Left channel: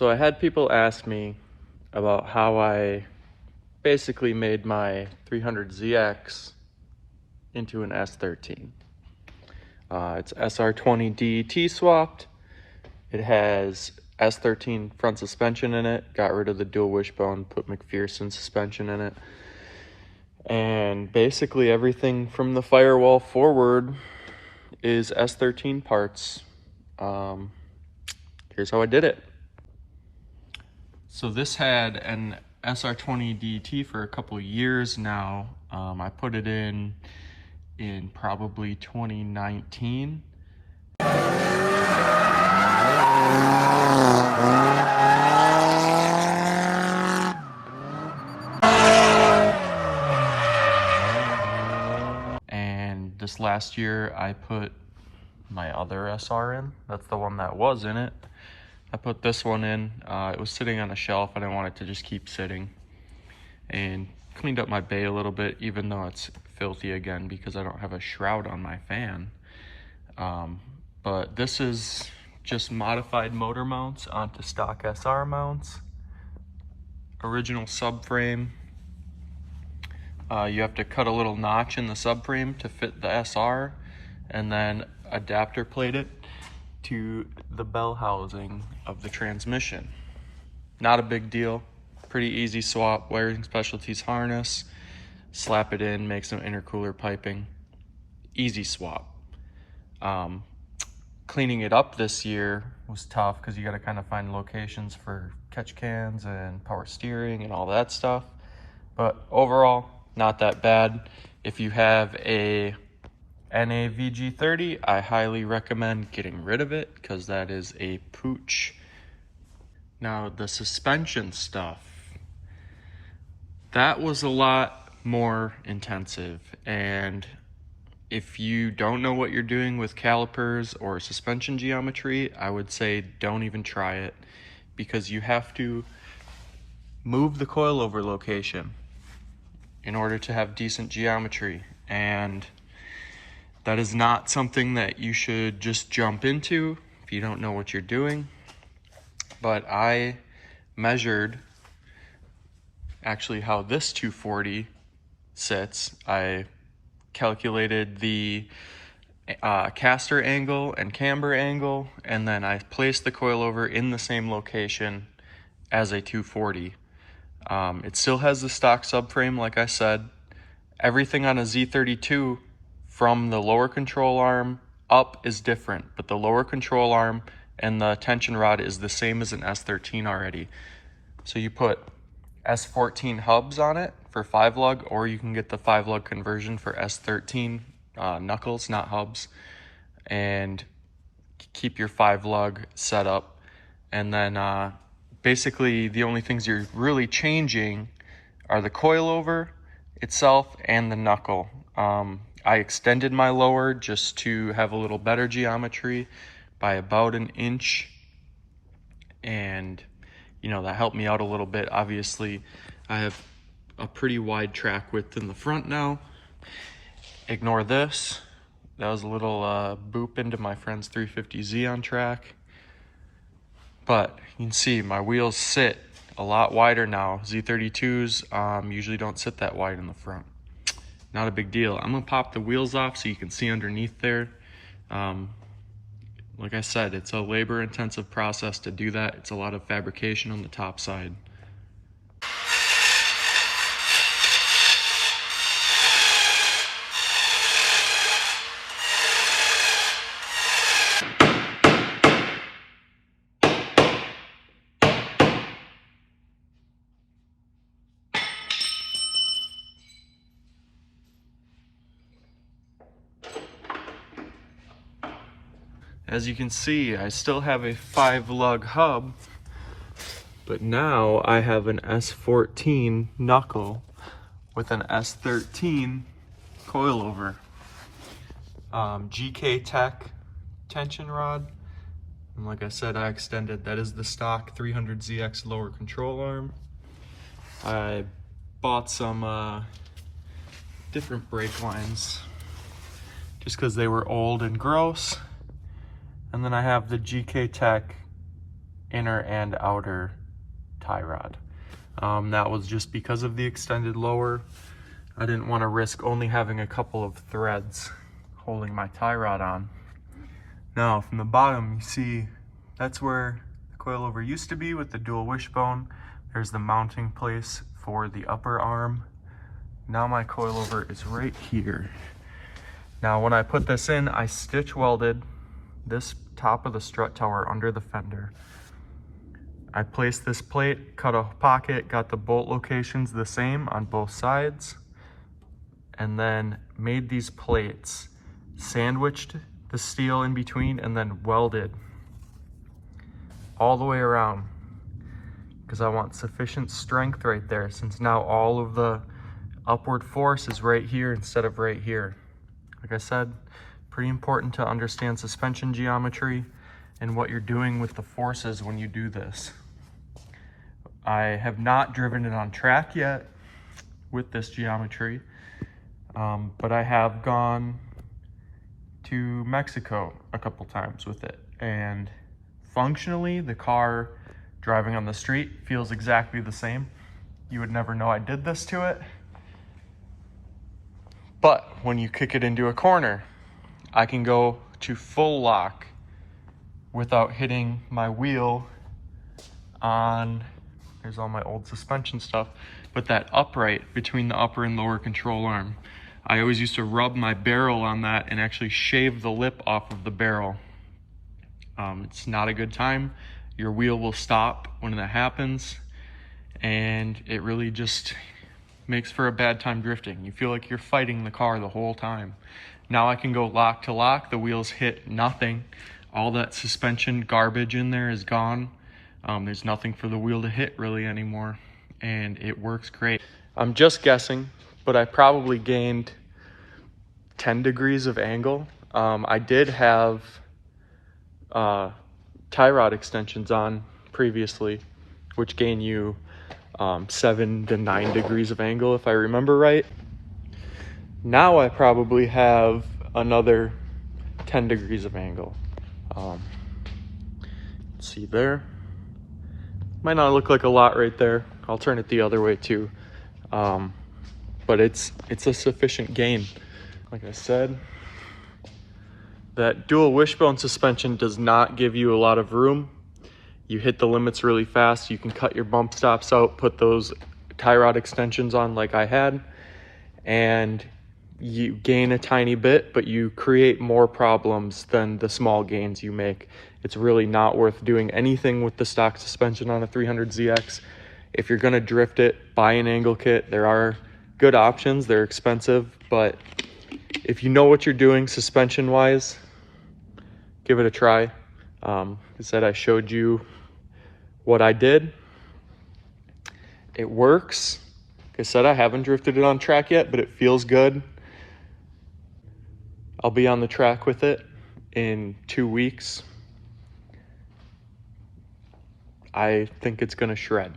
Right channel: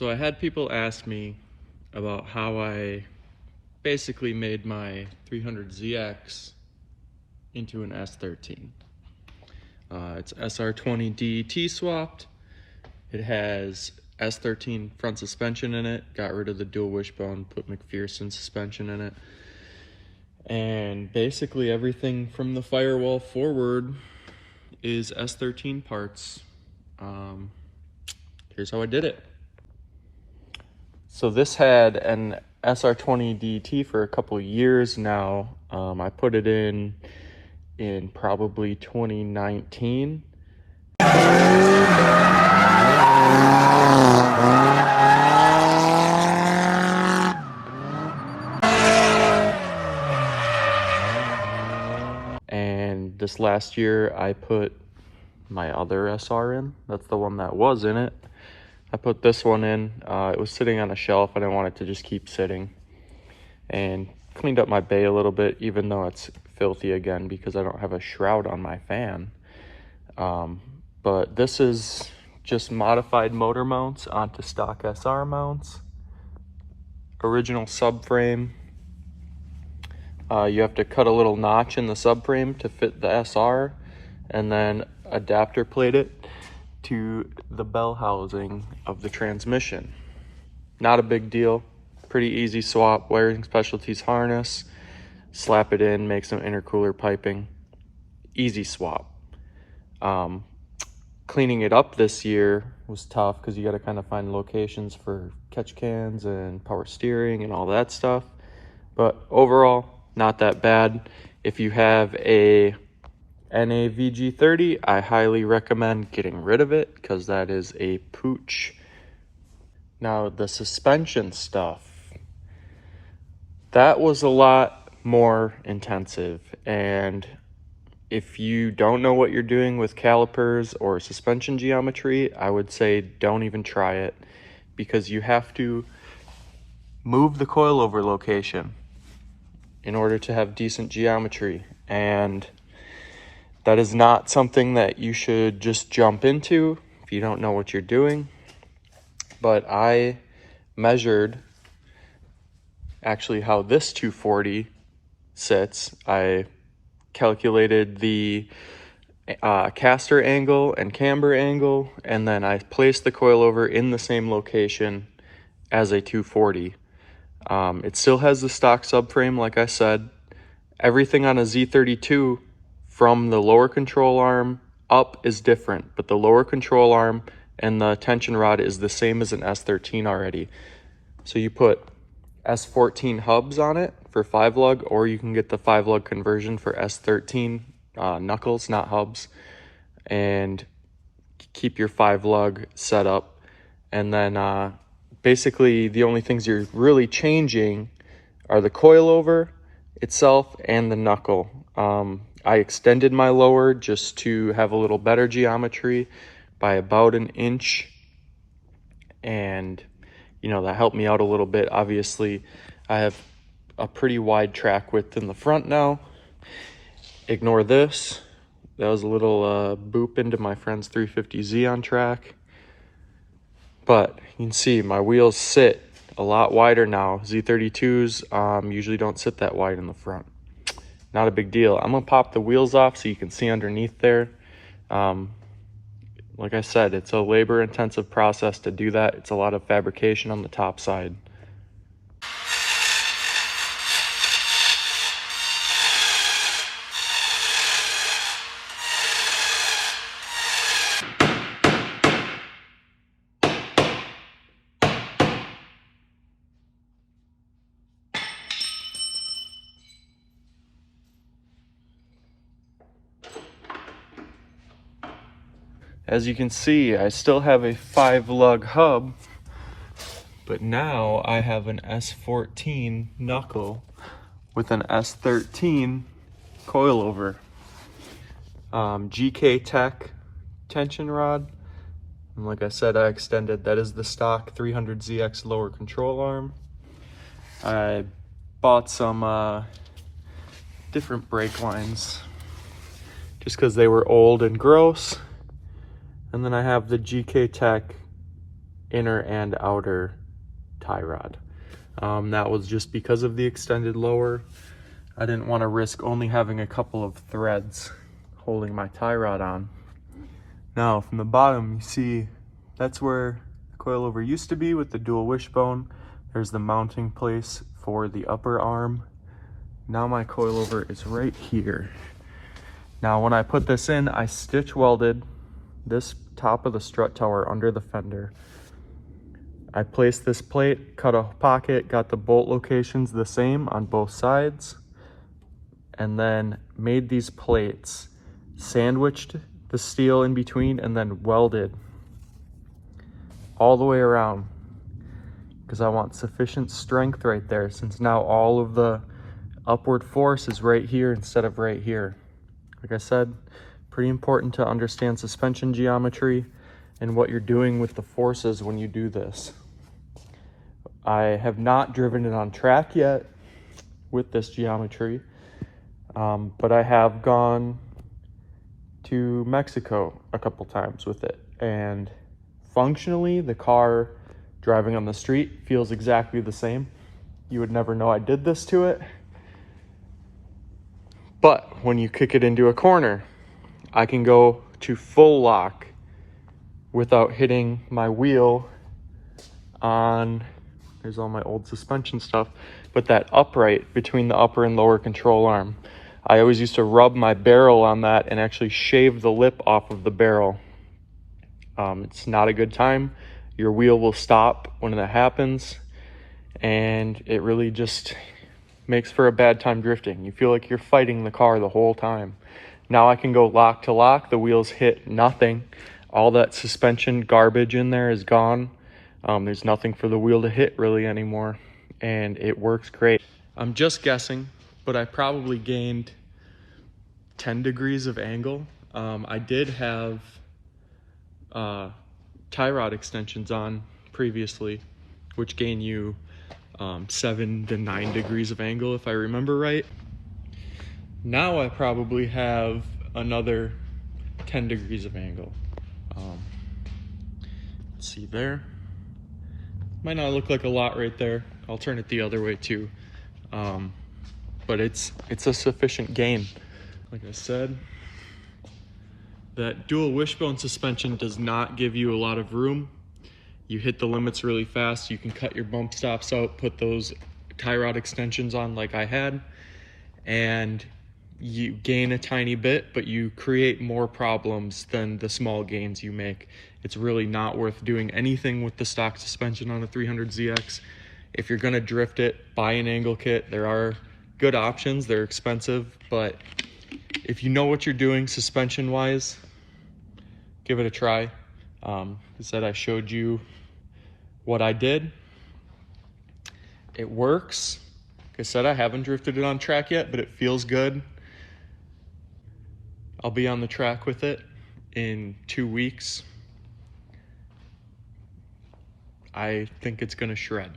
So I had people ask me about how I basically made my 300ZX into an S13. It's SR20 DET swapped. It has S13 front suspension in it, got rid of the dual wishbone, put McPherson suspension in it. And basically everything from the firewall forward is S13 parts. Here's how I did it. So this had an SR20 DET for a couple of years now. I put it in probably 2019. And this last year I put my other SR in. That's the one that was in it. I put this one in. It was sitting on a shelf. I didn't want it to just keep sitting. And cleaned up my bay a little bit, even though it's filthy again because I don't have a shroud on my fan. But this is just modified motor mounts onto stock SR mounts. Original subframe. You have to cut a little notch in the subframe to fit the SR, and then adapter plate it to the bell housing of the transmission. Not a big deal, pretty easy swap. Wiring Specialties harness, slap it in, make some intercooler piping, easy swap. Cleaning it up this year was tough because you got to kind of find locations for catch cans and power steering and all that stuff, but overall not that bad. If you have a NAVG30, I highly recommend getting rid of it because that is a pooch. Now the suspension stuff, that was a lot more intensive, and if you don't know what you're doing with calipers or suspension geometry, I would say don't even try it, because you have to move the coilover location in order to have decent geometry, and that is not something that you should just jump into if you don't know what you're doing. But I measured actually how this 240 sits. I calculated the caster angle and camber angle, and then I placed the coilover in the same location as a 240. It still has the stock subframe, like I said. Everything on a Z32 from the lower control arm up is different, but the lower control arm and the tension rod is the same as an S13 already. So you put S14 hubs on it for 5-lug, or you can get the 5-lug conversion for S13 knuckles, not hubs, and keep your 5-lug set up. And then basically the only things you're really changing are the coilover itself and the knuckle. I extended my lower just to have a little better geometry by about 1 inch, and you know, that helped me out a little bit. Obviously I have a pretty wide track width in the front now. Ignore this, that was a little boop into my friend's 350Z on track. But you can see my wheels sit a lot wider now. Z32s usually don't sit that wide in the front. Not a big deal. I'm gonna pop the wheels off so you can see underneath there. Like I said, it's a labor intensive process to do that. It's a lot of fabrication on the top side. As you can see, I still have a 5-lug hub, but now I have an S14 knuckle with an S13 coilover. GK Tech tension rod, and like I said, I extended, that is the stock 300ZX lower control arm. I bought some different brake lines just because they were old and gross. And then I have the GK Tech inner and outer tie rod. That was just because of the extended lower. I didn't want to risk only having a couple of threads holding my tie rod on. Now from the bottom, you see that's where the coilover used to be with the dual wishbone. There's the mounting place for the upper arm. Now my coilover is right here. Now when I put this in, I stitch welded this top of the strut tower under the fender. I placed this plate, cut a pocket, got the bolt locations the same on both sides, and then made these plates, sandwiched the steel in between, and then welded all the way around because I want sufficient strength right there, since now all of the upward force is right here instead of right here. Like I said, pretty important to understand suspension geometry and what you're doing with the forces when you do this. I have not driven it on track yet with this geometry, but I have gone to Mexico a couple times with it, and functionally the car driving on the street feels exactly the same. You would never know I did this to it, but when you kick it into a corner, I can go to full lock without hitting my wheel on, there's all my old suspension stuff, but that upright between the upper and lower control arm. I always used to rub my barrel on that and actually shave the lip off of the barrel. It's not a good time. Your wheel will stop when that happens, and it really just makes for a bad time drifting. You feel like you're fighting the car the whole time. Now I can go lock to lock, the wheels hit nothing. All that suspension garbage in there is gone. There's nothing for the wheel to hit really anymore, and it works great. I'm just guessing, but I probably gained 10 degrees of angle. I did have tie rod extensions on previously, which gain you 7 to 9 degrees of angle if I remember right. Now I probably have another 10 degrees of angle. Let's see there. Might not look like a lot right there. I'll turn it the other way too. But it's a sufficient gain. Like I said, that dual wishbone suspension does not give you a lot of room. You hit the limits really fast. You can cut your bump stops out, put those tie rod extensions on like I had, and you gain a tiny bit, but you create more problems than the small gains you make. It's really not worth doing anything with the stock suspension on a 300ZX. If you're gonna drift it, buy an angle kit. There are good options, they're expensive, but if you know what you're doing suspension wise, give it a try. I said I showed you what I did. It works. Like I said, I haven't drifted it on track yet, but it feels good. I'll be on the track with it in 2 weeks. I think it's gonna shred.